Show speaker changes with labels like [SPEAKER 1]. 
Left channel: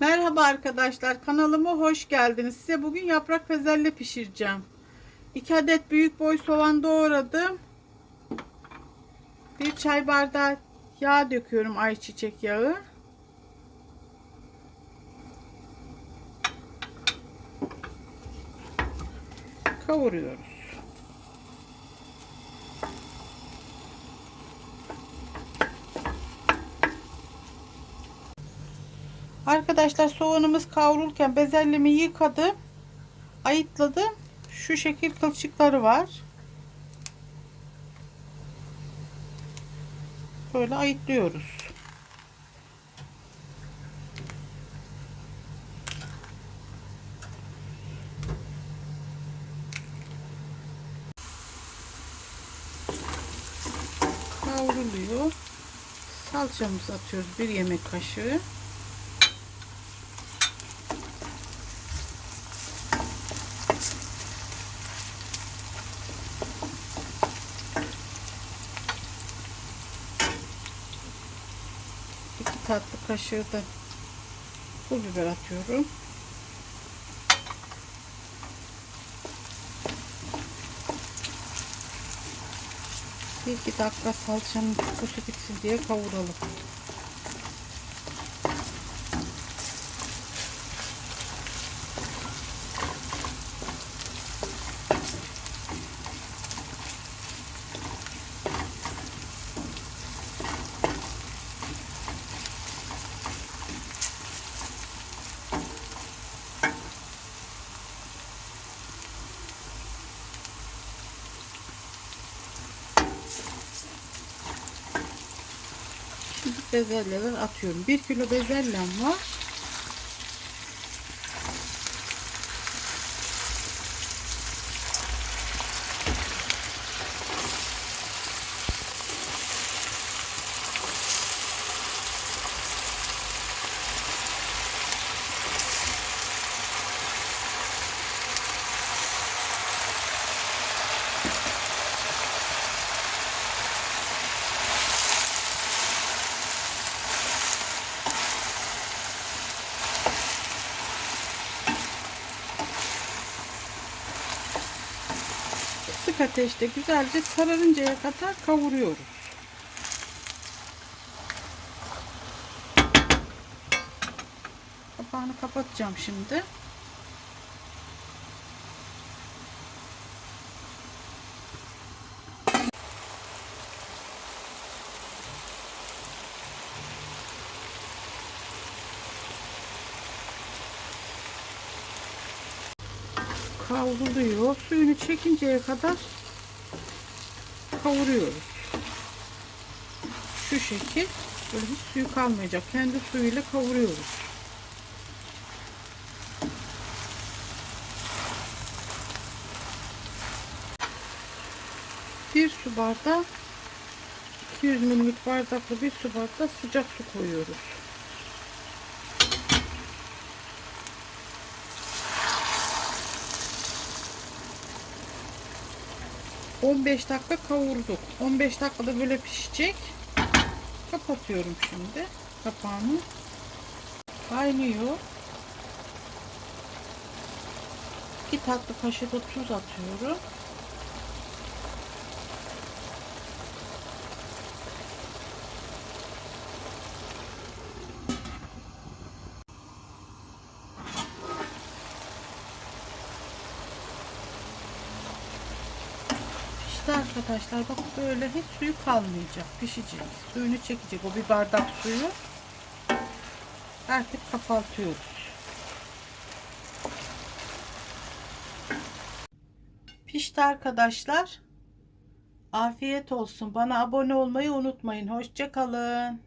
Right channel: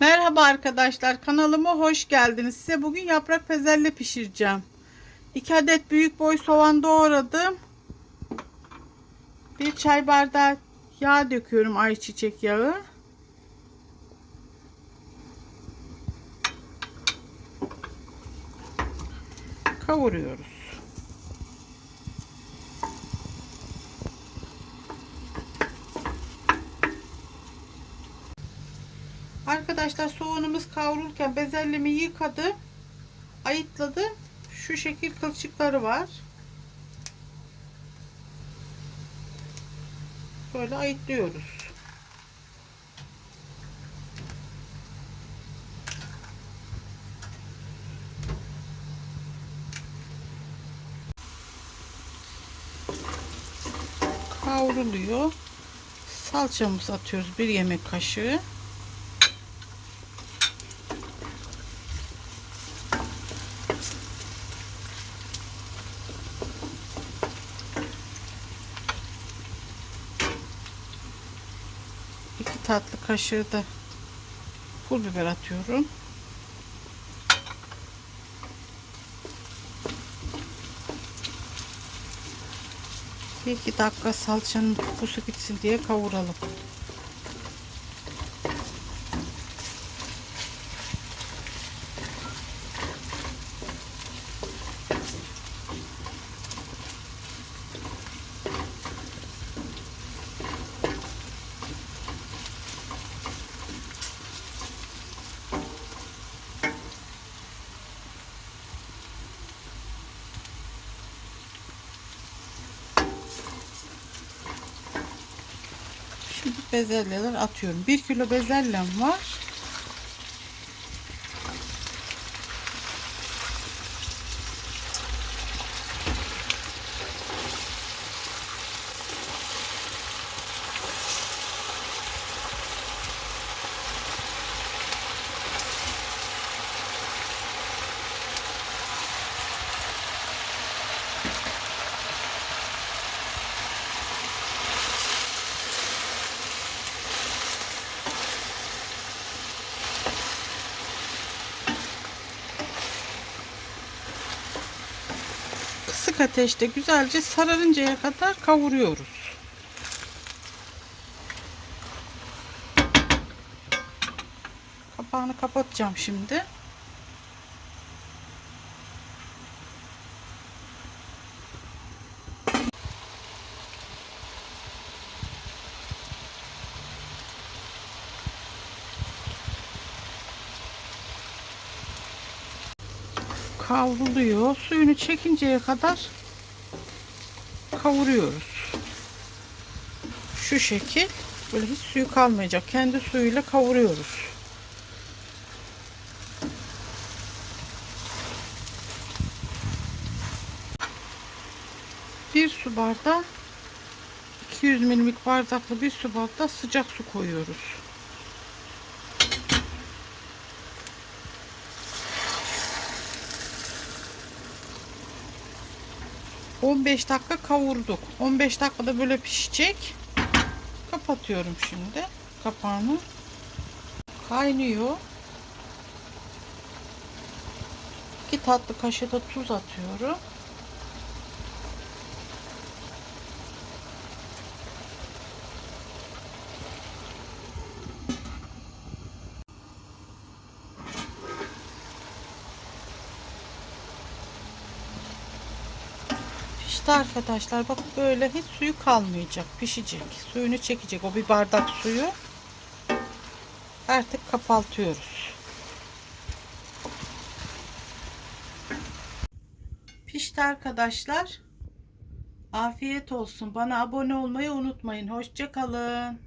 [SPEAKER 1] Merhaba arkadaşlar kanalıma hoş geldiniz. Size bugün yaprak pezelle pişireceğim. 2 adet büyük boy soğan doğradım. Bir çay bardağı yağ döküyorum ayçiçek yağı. Kavuruyoruz. Arkadaşlar soğanımız kavrulurken bezelyemi yıkadım. Ayıtladım. Şu şekil kılçıkları var. Böyle ayıtlıyoruz. Kavruluyor. Salçamızı atıyoruz. Bir yemek kaşığı. İki tatlı kaşığı da pul biber atıyorum. Bir iki dakika salçanın kokusu gitsin diye kavuralım. Şimdi bezelyeler atıyorum. 1 kilo bezelyem var. Ateşte güzelce sararıncaya kadar kavuruyoruz. Kapağını kapatacağım şimdi. Kavruluyor. Suyunu çekinceye kadar kavuruyoruz. Şu şekil böyle hiç suyu kalmayacak. Kendi suyuyla kavuruyoruz. Bir su bardağı 200 milimlik bardaklı bir su bardağı sıcak su koyuyoruz. 15 dakika kavurduk. 15 dakikada böyle pişecek. Kapatıyorum şimdi kapağını. Kaynıyor. 2 tatlı kaşığı da tuz atıyorum. Pişti arkadaşlar. Bak böyle hiç suyu kalmayacak. Pişecek. Suyunu çekecek. O bir bardak suyu. Artık kapatıyoruz. Pişti arkadaşlar. Afiyet olsun. Bana abone olmayı unutmayın. Hoşça kalın.